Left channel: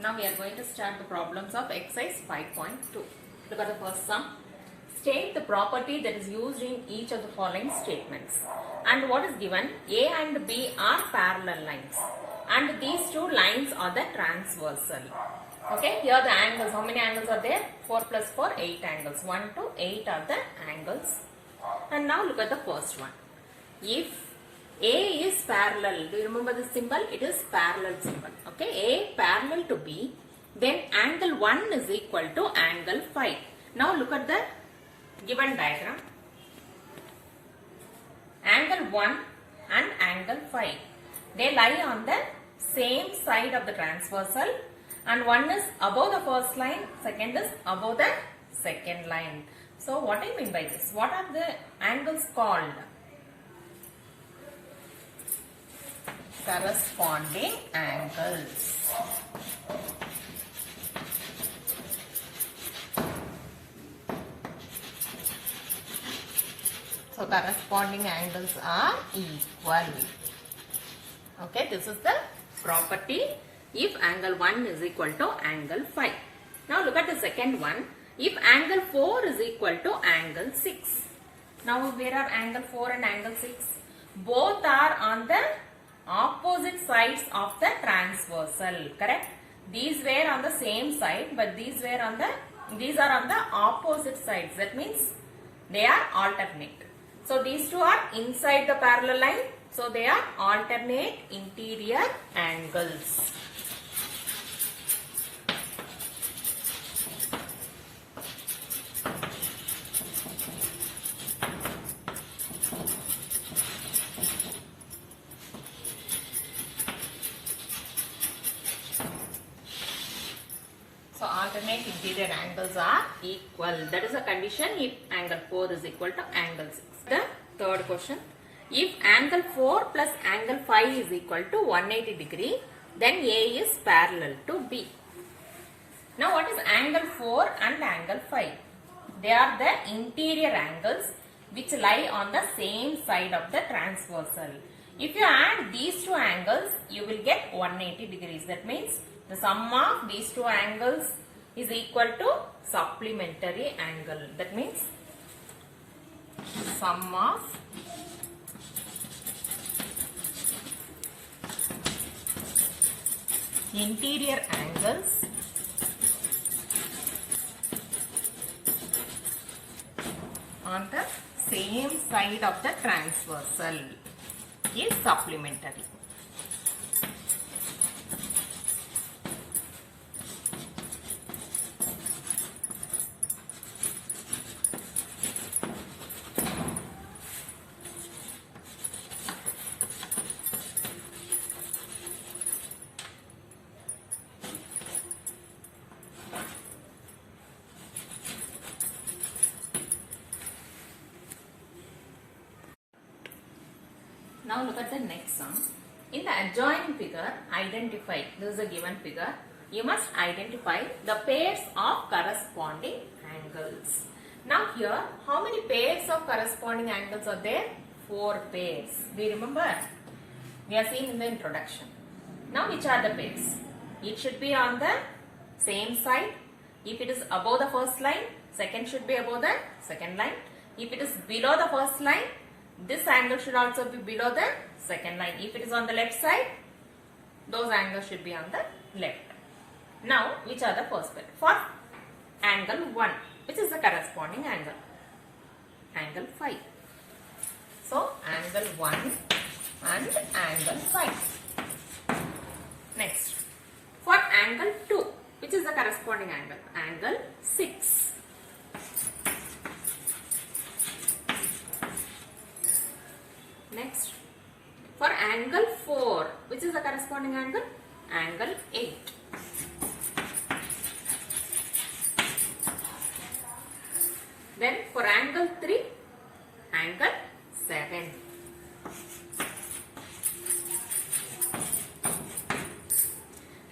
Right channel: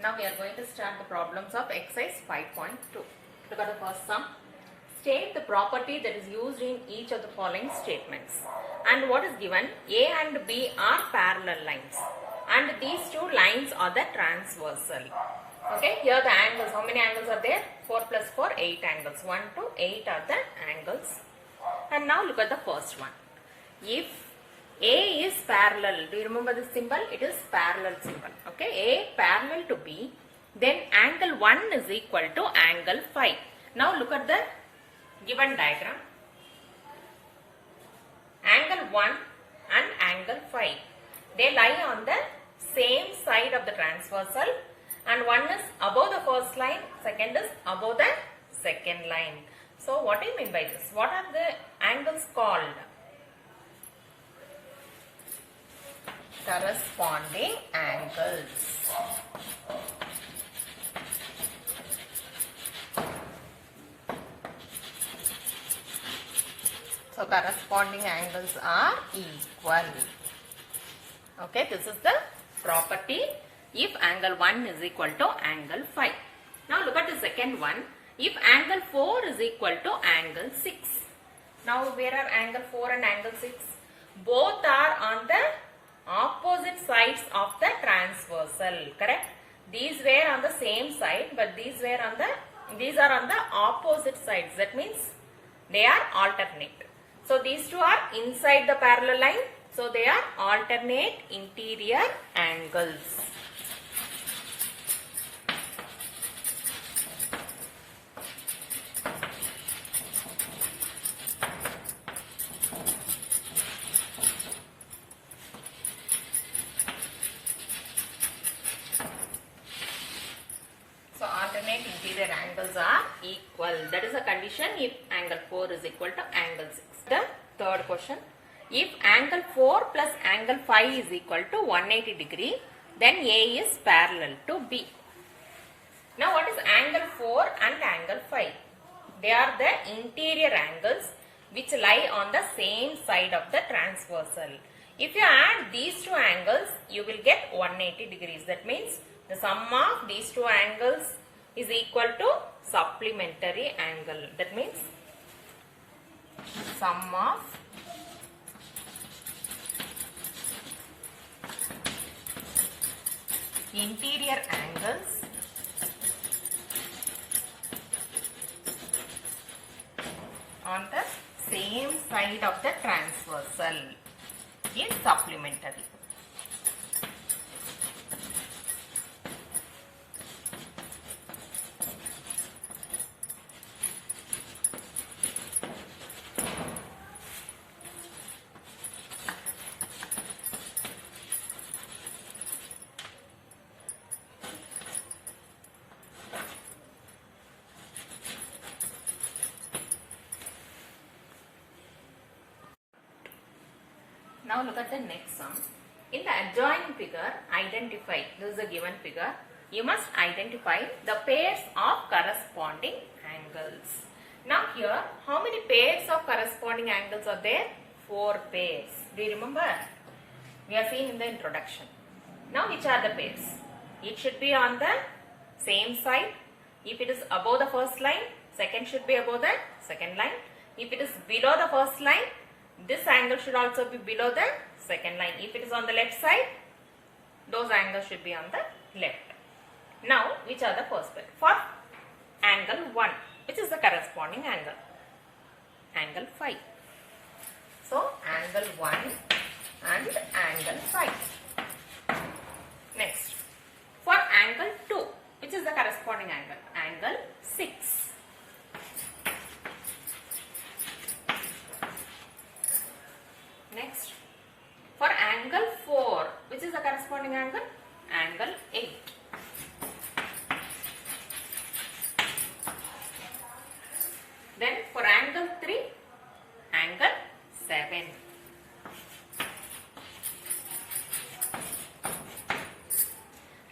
Now we are going to start the problems of exercise 5.2. Look at the first sum. State the property that is used in each of the following statements. And what is given? A and B are parallel lines. And these two lines are the transversal. Okay, here the angles. How many angles are there? 4 plus 4, 8 angles. 1 to 8 are the angles. And now look at the first one. If A is parallel, do you remember the symbol? It is parallel symbol. Okay, A parallel to B, then angle 1 is equal to angle 5. Now look at the given diagram. Angle 1 and angle 5. They lie on the same side of the transversal, and one is above the first line, second is above the second line. So what I mean by this? What are the angles called? Corresponding angles. So corresponding angles are equal. Okay, this is the property if angle 1 is equal to angle 5. Now look at the second one. If angle 4 is equal to angle 6. Now where are angle 4 and angle 6? Both are on the opposite sides of the transversal, correct? These were on the same side, but these are on the opposite sides. That means they are alternate. So these two are inside the parallel line. So they are alternate interior angles. So alternate interior angles are equal. That is a condition if angle 4 is equal to angle 6. The third question. If angle 4 plus angle 5 is equal to 180 degree, then A is parallel to B. Now what is angle 4 and angle 5? They are the interior angles which lie on the same side of the transversal. If you add these two angles, you will get 180 degrees. That means the sum of these two angles is equal to supplementary angle. That means sum of interior angles on the same side of the transversal is supplementary. Now look at the next sum. In the adjoining figure, identify, this is a given figure, you must identify the pairs of corresponding angles. Now here, how many pairs of corresponding angles are there? 4 pairs. Do you remember? We are seeing in the introduction. Now which are the pairs? It should be on the same side. If it is above the first line, second should be above the second line. If it is below the first line, this angle should also be below the second line. If it is on the left side, those angles should be on the left. Now, which are the first pair? For angle 1, which is the corresponding angle? Angle 5. So, angle 1 and angle 5. Next, for angle 2, which is the corresponding angle? Angle 6. Next, for angle 4, which is the corresponding angle? Angle 8. Then for angle 3, angle 7.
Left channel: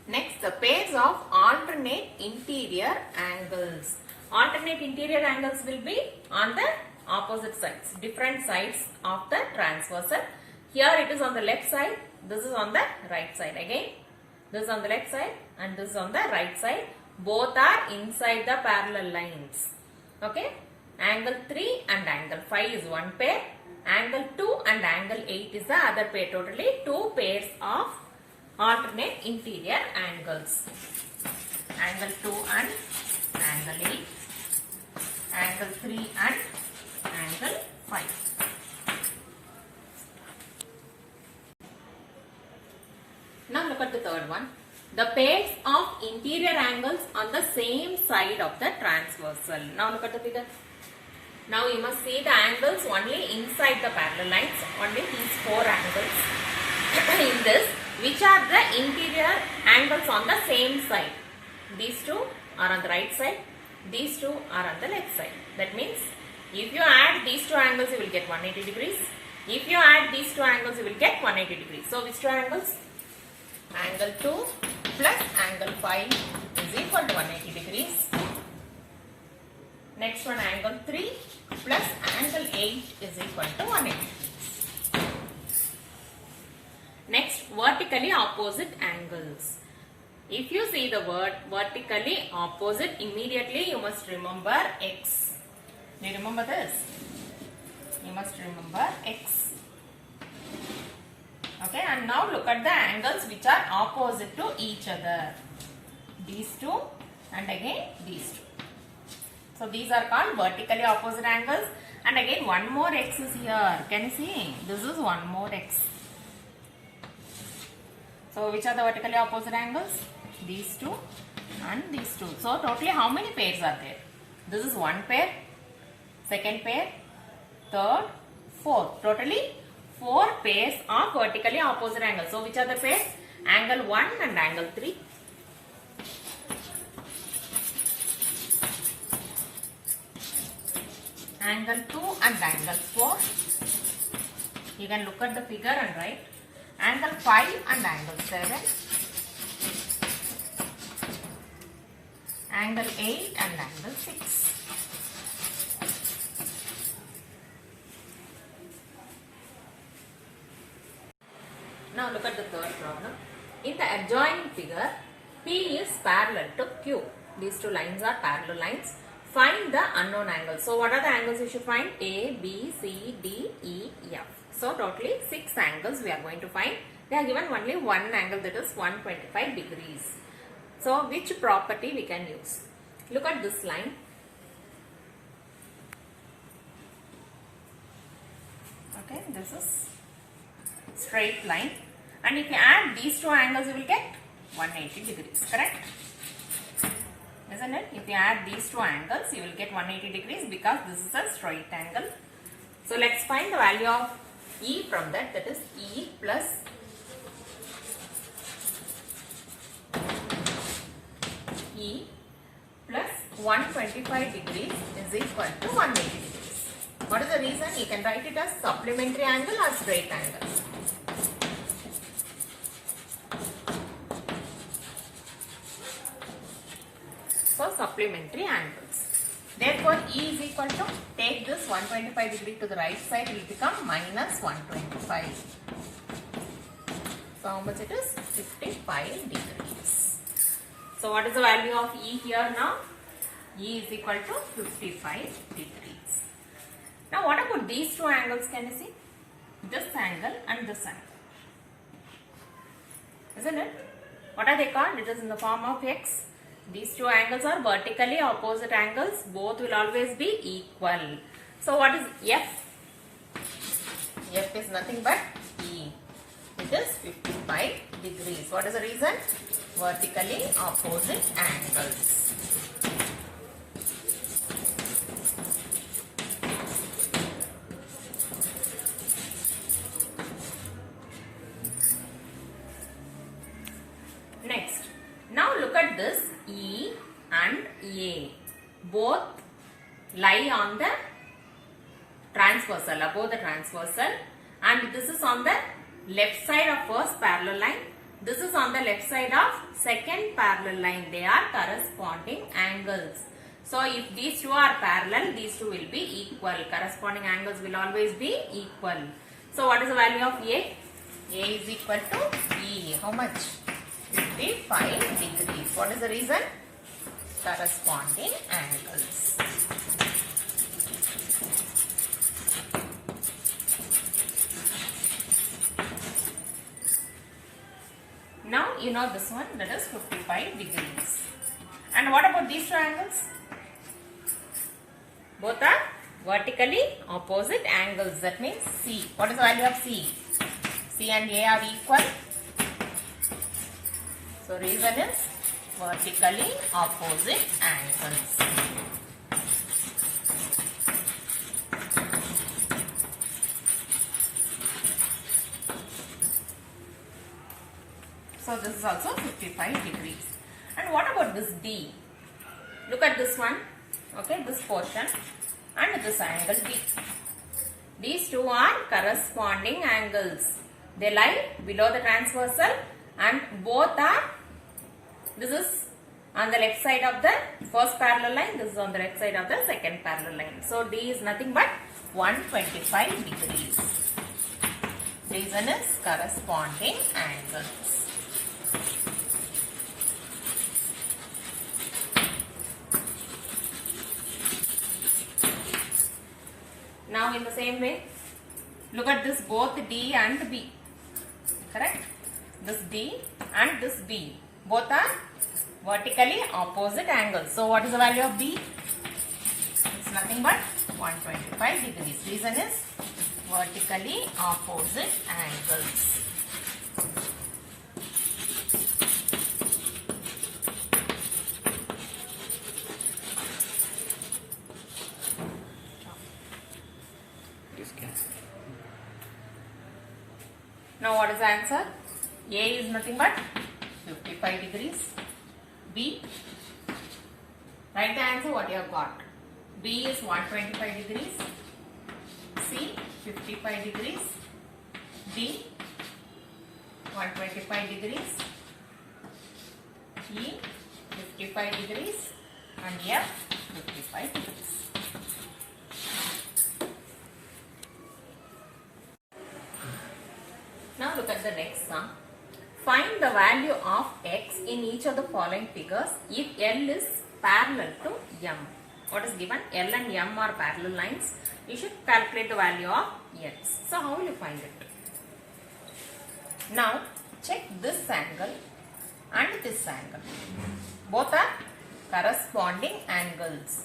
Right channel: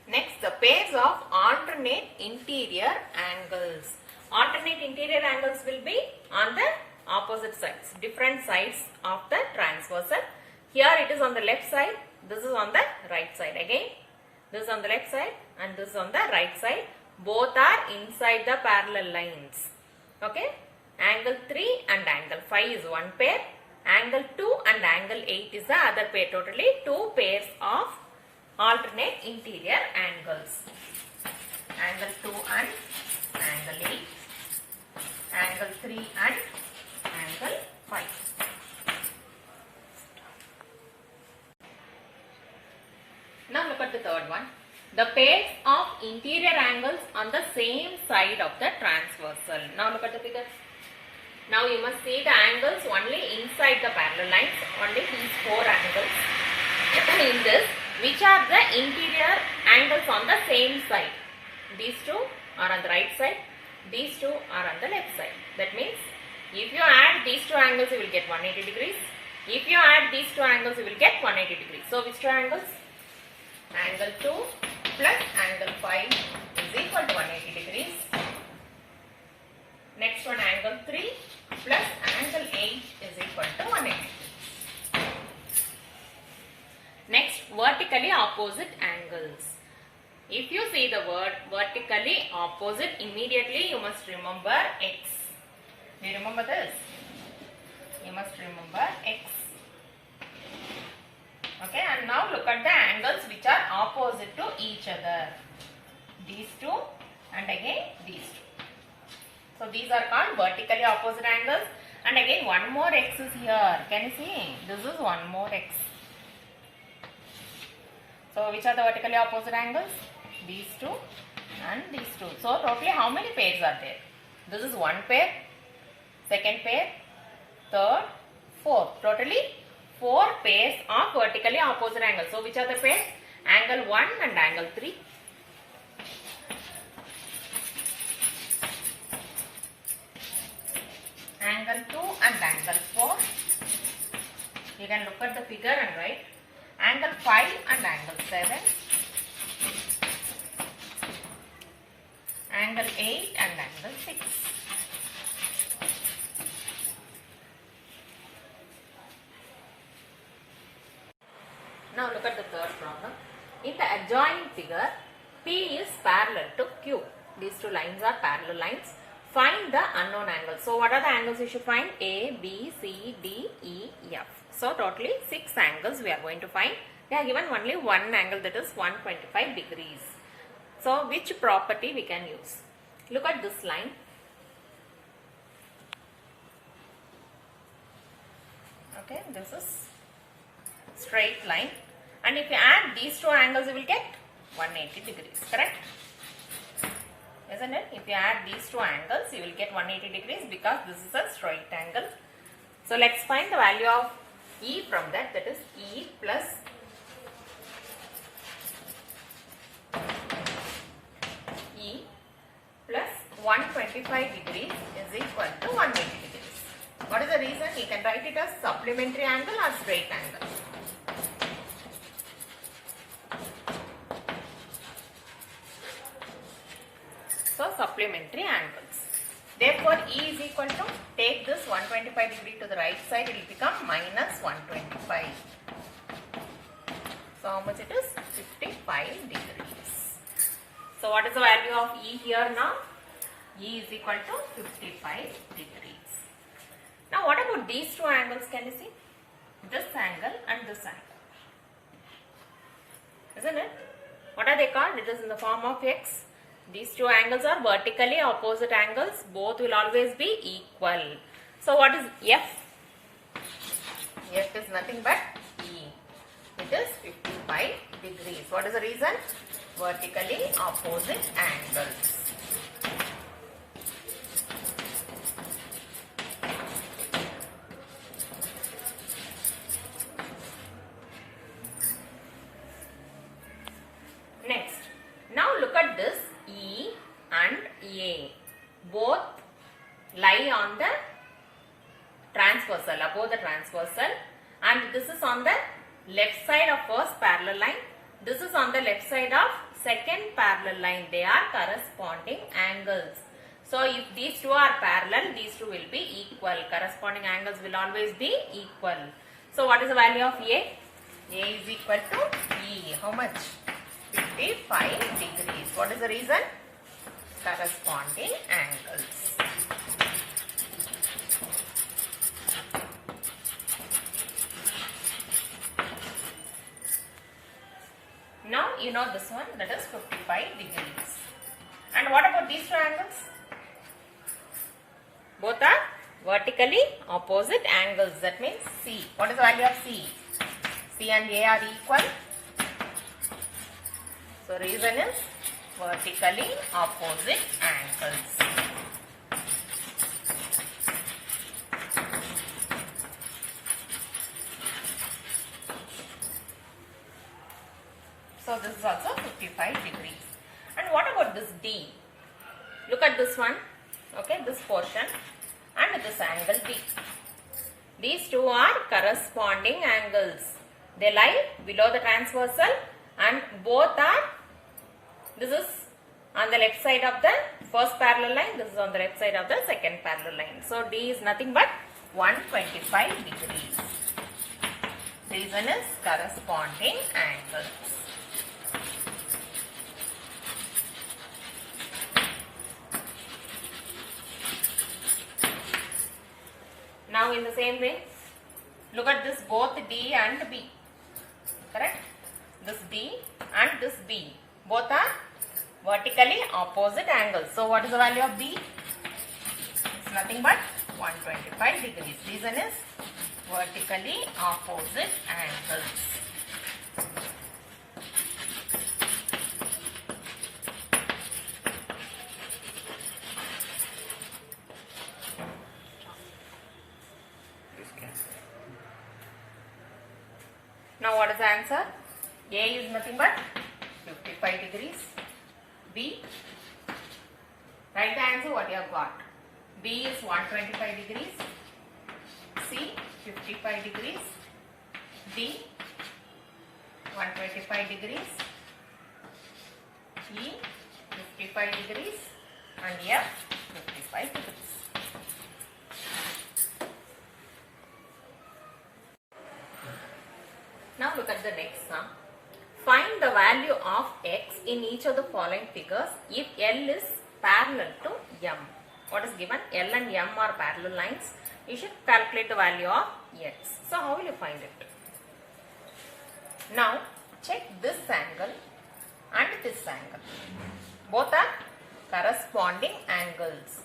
Next, the pairs of alternate interior angles. Alternate interior angles will be on the opposite sides, different sides of the transversal. Here it is on the left side, this is on the right side. Again, this is on the left side, and this is on the right side. Both are inside the parallel lines. Okay. Angle 3 and angle 5 is one pair. Angle 2 and angle 8 is the other pair. Totally 2 pairs of alternate interior angles. Angle 2 and angle 8. Angle 3 and angle 5. Now look at the third one. The pairs of interior angles on the same side of the transversal. Now look at the figure. Now you must see the angles only inside the parallel lines, only these 4 angles. In this, which are the interior angles on the same side? These 2 are on the right side, these 2 are on the left side. That means, if you add these 2 angles, you will get 180 degrees. If you add these 2 angles, you will get 180 degrees. So, which 2 angles? Angle 2 plus angle 5 is equal to 180 degrees. Next one, angle 3 plus angle 8 is equal to 180 degrees. Next, vertically opposite angles. If you see the word vertically opposite, immediately you must remember X. Do you remember this? You must remember X. Okay, and now look at the angles which are opposite to each other. These 2 and again these 2. So these are called vertically opposite angles, and again one more X is here. Can you see? This is one more X. So which are the vertically opposite angles? These 2 and these 2. So totally how many pairs are there? This is one pair, second pair, third, fourth. Totally 4 pairs of vertically opposite angles. So which are the pairs? Angle 1 and angle 3. Angle 2 and angle 4. You can look at the figure and write. Angle 5 and angle 7. Angle 8 and angle 6. Now look at the third problem. In the adjoining figure, P is parallel to Q. These 2 lines are parallel lines. Find the unknown angles. So what are the angles you should find? A, B, C, D, E, F. So totally 6 angles we are going to find. They are given only one angle, that is 125 degrees. So which property we can use? Look at this line. Okay, this is straight line. And if you add these 2 angles, you will get 180 degrees, correct? Isn't it? If you add these 2 angles, you will get 180 degrees because this is a straight angle. So let's find the value of E from that. That is E plus E plus 125 degrees is equal to 180 degrees. What is the reason? You can write it as supplementary angle or straight angle. So supplementary angles. Therefore, E is equal to, take this 125 degree to the right side, it will become minus 125. So how much it is? 55 degrees. So what is the value of E here now? E is equal to 55 degrees. Now what about these 2 angles, can you see? This angle and this angle. Isn't it? What are they called? It is in the form of X. These 2 angles are vertically opposite angles. Both will always be equal. So what is F? F is nothing but E. It is 55 degrees. What is the reason? Vertically opposite angles. Next, now look at this E and A. Both lie on the transversal, above the transversal, and this is on the left side of first parallel line. This is on the left side of second parallel line. They are corresponding angles. So if these 2 are parallel, these 2 will be equal. Corresponding angles will always be equal. So what is the value of A? A is equal to E. How much? 55 degrees. What is the reason? Corresponding angles. Now you know this one, that is 55 degrees. And what about these two angles? Both are vertically opposite angles. That means C. What is the value of C? C and A are equal. So reason is vertically opposite angles. So this is also 55 degrees. And what about this D? Look at this one. Okay, this portion and this angle D. These two are corresponding angles. They lie below the transversal and both are, this is on the left side of the first parallel line, this is on the left side of the second parallel line. So D is nothing but 125 degrees. Reason is corresponding angles. Now in the same way, look at this both D and B. Correct? This D and this B. Both are vertically opposite angles. So what is the value of B? It's nothing but 125 degrees. Reason is vertically opposite angles. Now what is the answer? A is nothing but 55 degrees. B, write the answer what you have got. B is 125 degrees. C, 55 degrees. D, 125 degrees. E, 55 degrees. And F, 55 degrees. Now look at the next sum. Find the value of x in each of the following figures if L is parallel to M. What is given? L and M are parallel lines. You should calculate the value of x. So how will you find it? Now check this angle and this angle. Both are corresponding angles,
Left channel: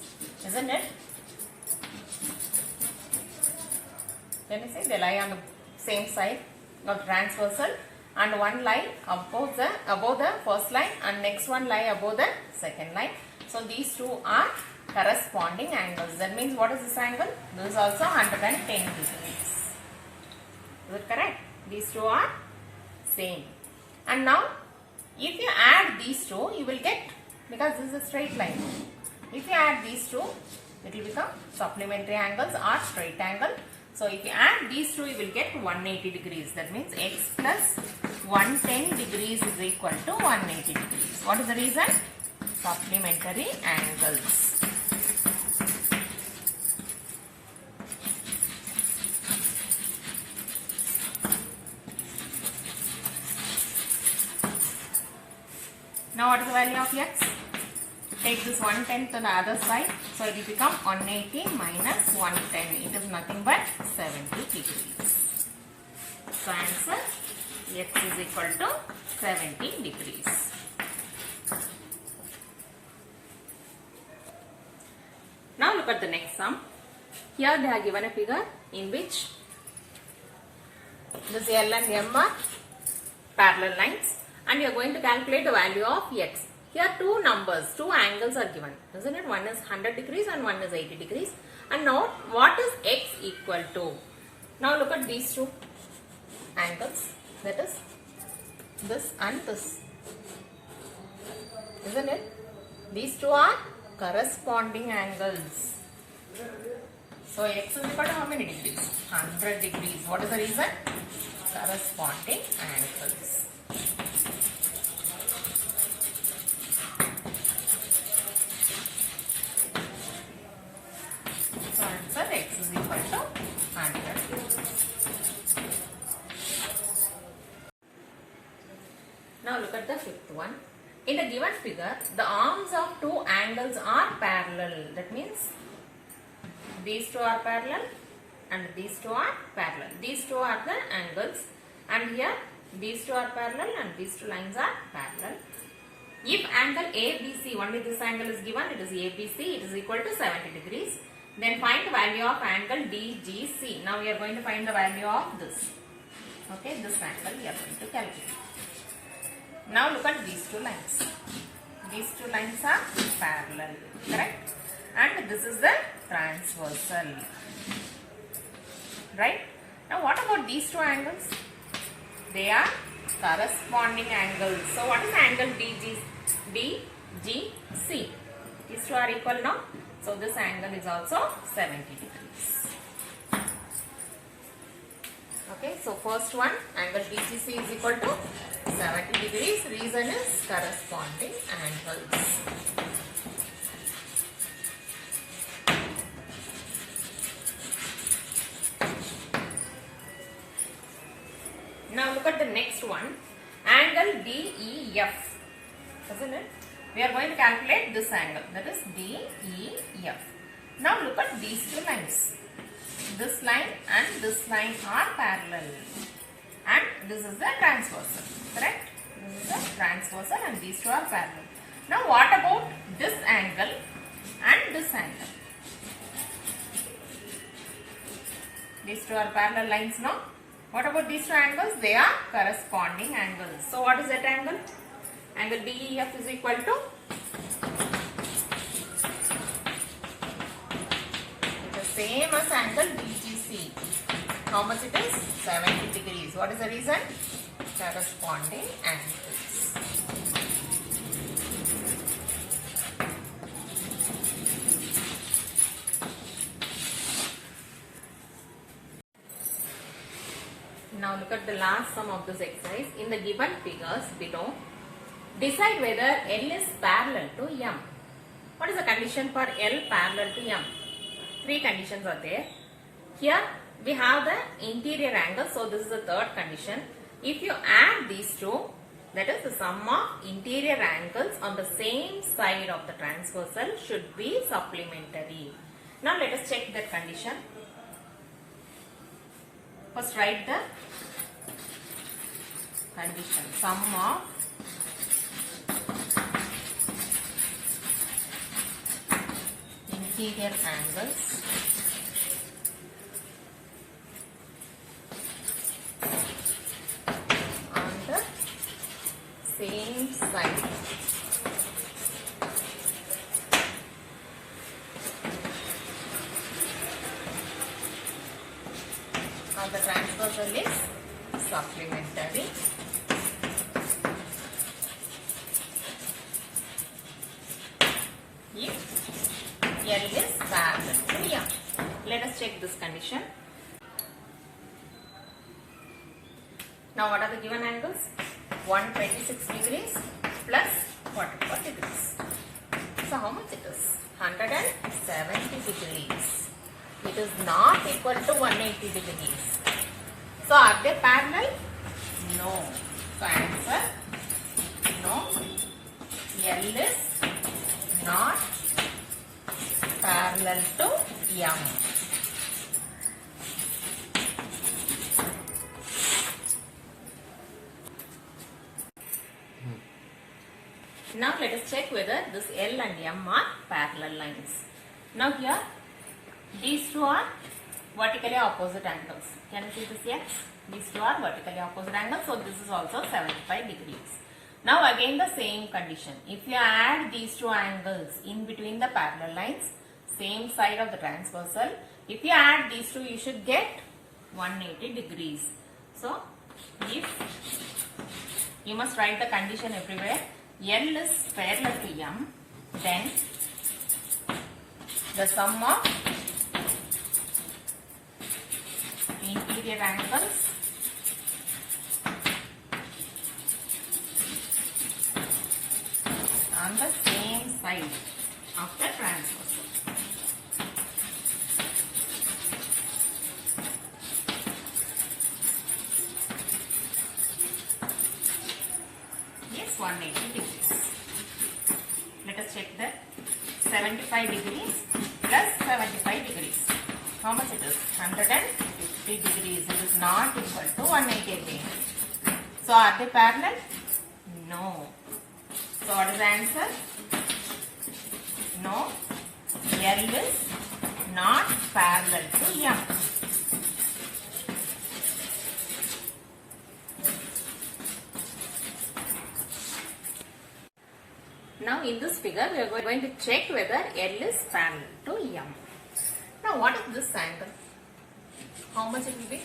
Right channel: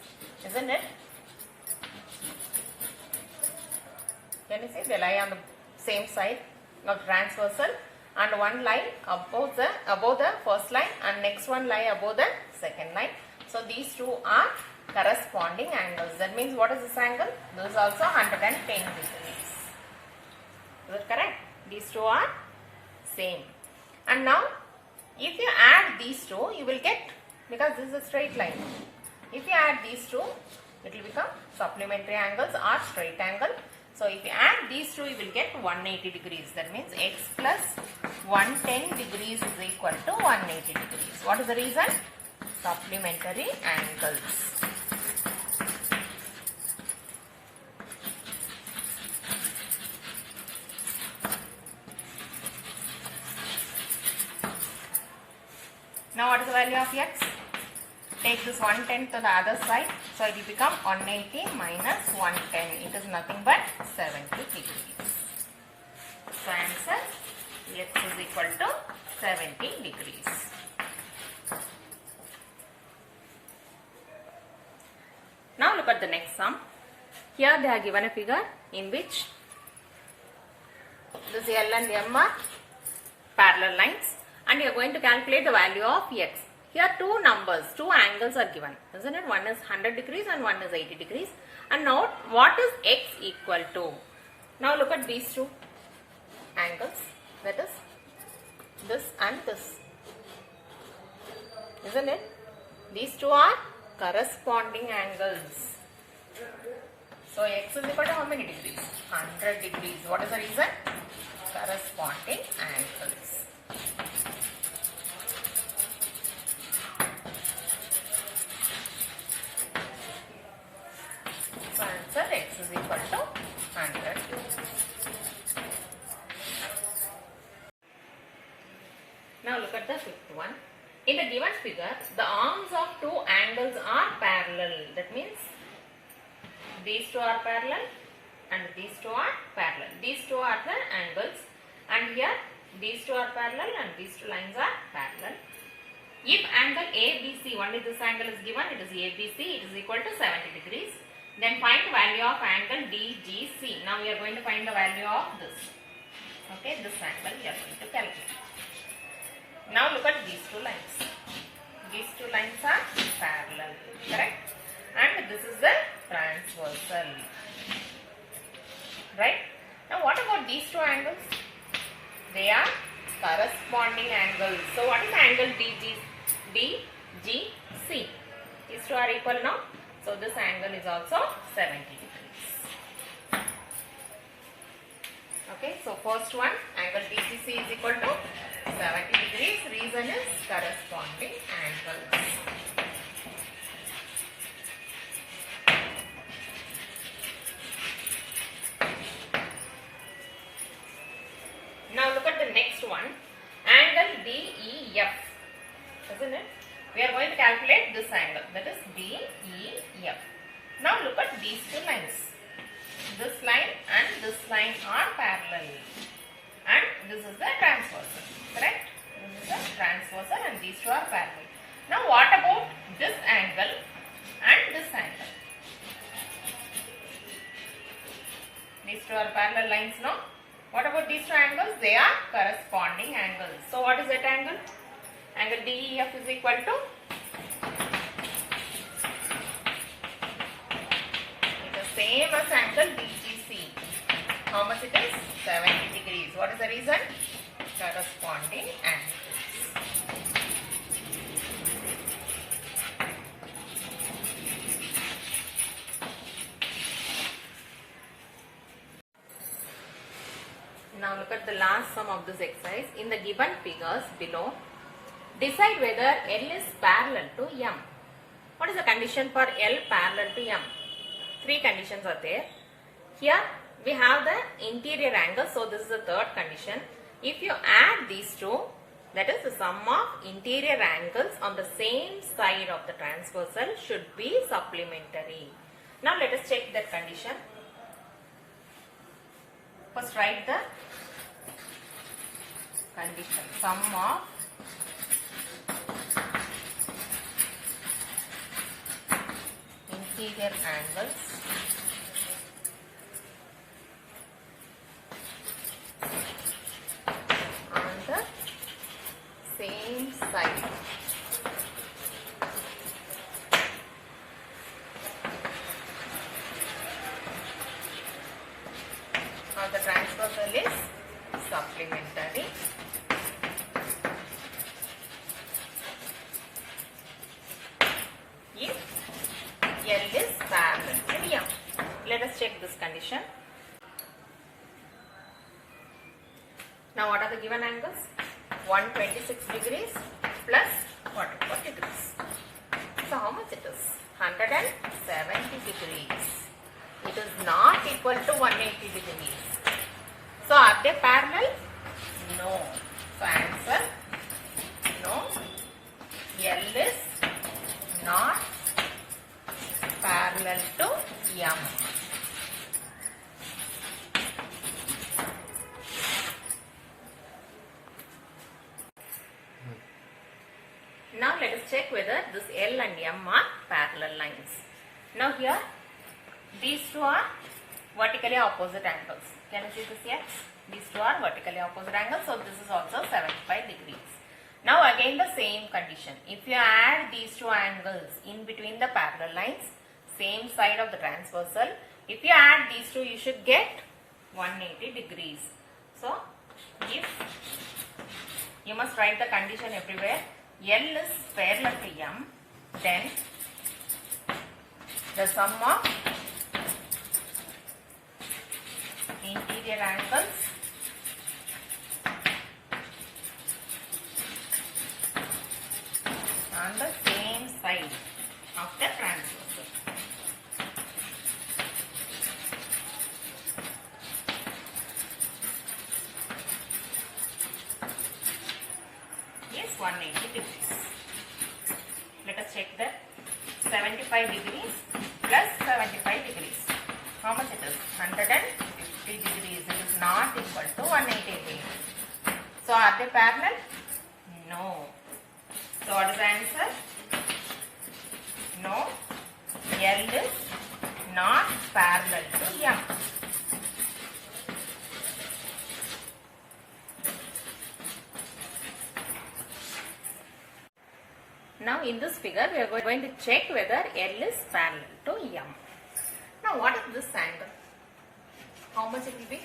isn't it? Can you see they lie on the same side of transversal, and one line above the first line and next one line above the second line. So these two are corresponding angles. That means what is this angle? This is also 110 degrees. Is it correct? These two are same. And now if you add these two, you will get, because this is a straight line, if you add these two, it will become supplementary angles or straight angle. So if you add these two, you will get 180 degrees. That means x plus 110 degrees is equal to 180 degrees. What is the reason? Supplementary angles. Now what is the value of x? Take this 110 to the other side. So it will become 180 minus 110. It is nothing but 70 degrees. So answer, x is equal to 70 degrees. Now look at the next sum. Here they are given a figure in which this L and M are parallel lines, and you are going to calculate the value of x. Here two numbers, two angles are given, isn't it? One is 100 degrees and one is 80 degrees. And note what is x equal to. Now look at these two angles, that is this and this, isn't it? These two are corresponding angles. So x is equal to how many degrees? 100 degrees. What is the reason? Corresponding angles. So answer, x is equal to 100. Now look at the In the given figure, the arms of two angles are parallel. That means these two are parallel and these two are parallel. These two are the angles, and here these two are parallel and these two lines are parallel. If angle ABC, only this angle is given, it is ABC, it is equal to 70 degrees. Then find the value of angle DGC. Now we are going to find the value of this. Okay, this angle we are going to calculate. Now look at these two lines. These two lines are parallel, correct? And this is the transversal, right? Now what about these two angles? They are corresponding angles. So what is angle DGC? These two are equal now. So this angle is also 70 degrees. Okay, so first one, angle DGC is equal to 70 degrees. Reason is corresponding angles. Now look at the next one, angle DEF, isn't it? We are going to calculate this angle, that is DEF. Now look at these two lines. This line and this line are parallel, and this is the transversal, correct? This is the transversal and these two are parallel. Now what about this angle and this angle? These two are parallel lines now. What about these two angles? They are corresponding angles. So what is that angle? Angle DEF is equal to, it is same as angle DGC. How much it is? 70 degrees. What is the reason? Corresponding angles. Now look at the last sum of this exercise. In the given figures below, decide whether L is parallel to M. What is the condition for L parallel to M? Three conditions are there. Here we have the interior angle, so this is the third condition. If you add these two, that is the sum of interior angles on the same side of the transversal should be supplementary. Now let us check that condition. First write the condition, sum of interior angles on the same side of the transversal is supplementary. If L is parallel to M. Let us check this condition. Now what are the given angles? 126 degrees plus 44 degrees. So how much it is? 170 degrees. It is not equal to 180 degrees. So are they parallel? No. So answer, no. L is not parallel to M. Now let us check whether this L and M are parallel lines. Now here these two are vertically opposite angles. Can you see this? Yes. These two are vertically opposite angles. So this is also 75 degrees. Now again the same condition. If you add these two angles in between the parallel lines, same side of the transversal, if you add these two, you should get 180 degrees. So if you must write the condition everywhere, L is parallel to M, then the sum of interior angles on the same side of the transversal. Yes, 180 degrees. us check that. 75 degrees plus 75 degrees. How much it is? 150 degrees. It is not equal to 180 degrees. So are they parallel? No. So what is the answer? No. L is not parallel to M. Now in this figure we are going to check whether L is parallel to M. Now what is this angle? How much it will be?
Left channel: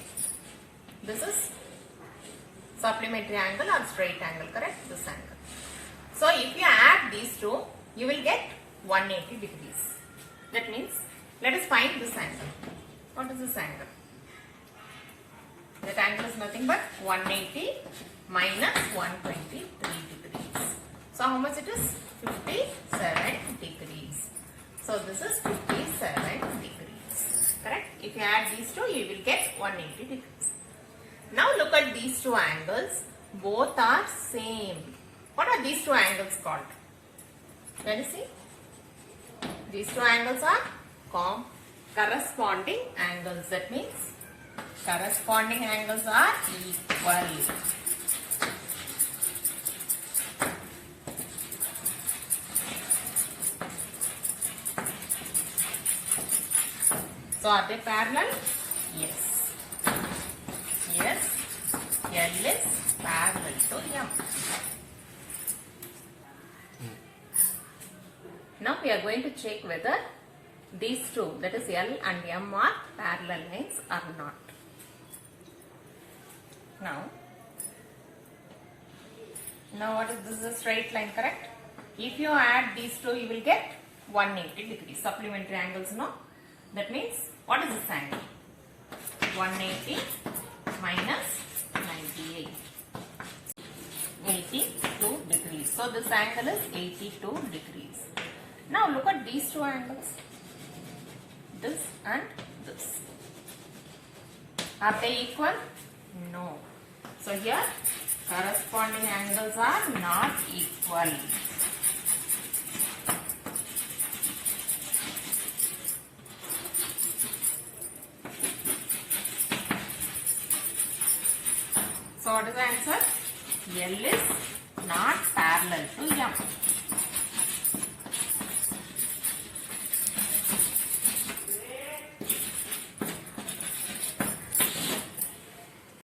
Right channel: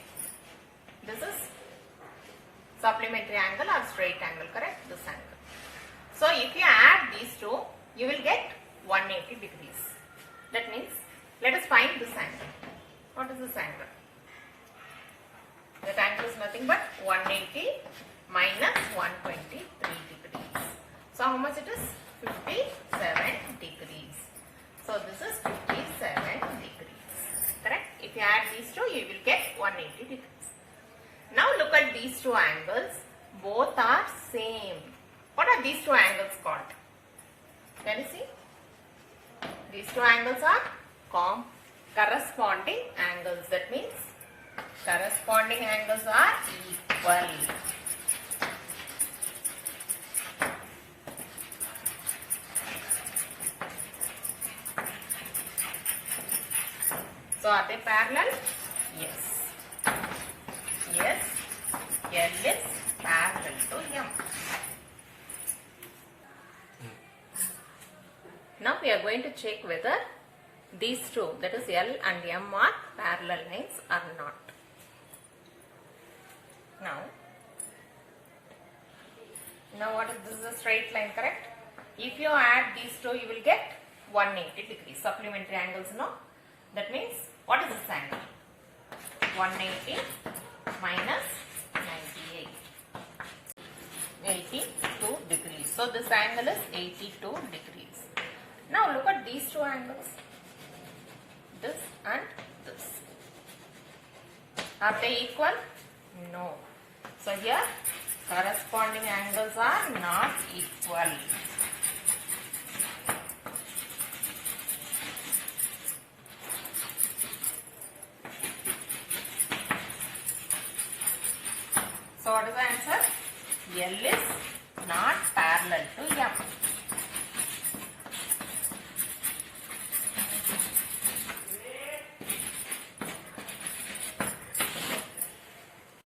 This is supplementary angle or straight angle, correct? This angle. So if you add these two, you will get 180 degrees. That means, let us find this angle. What is this angle? That angle is nothing but 180 minus 123 degrees. So how much it is? 57 degrees. So this is 57 degrees. Correct? If you add these two, you will get 180 degrees. Now look at these two angles. Both are same. What are these two angles called? Can you see? These two angles are corresponding angles. That means corresponding angles are equal. So are they parallel? Yes. Yes. L is parallel to M. Now we are going to check whether these two, that is L and M, are parallel lines or not. Now what is this? Is a straight line, correct? If you add these two, you will get 180 degrees. Supplementary angles, no? That means, what is this angle? 180 minus 98. 82 degrees. So this angle is 82 degrees. Now look at these two angles. This and this. Are they equal? No. So here corresponding angles are not equal. So what is the answer? L is not parallel to M.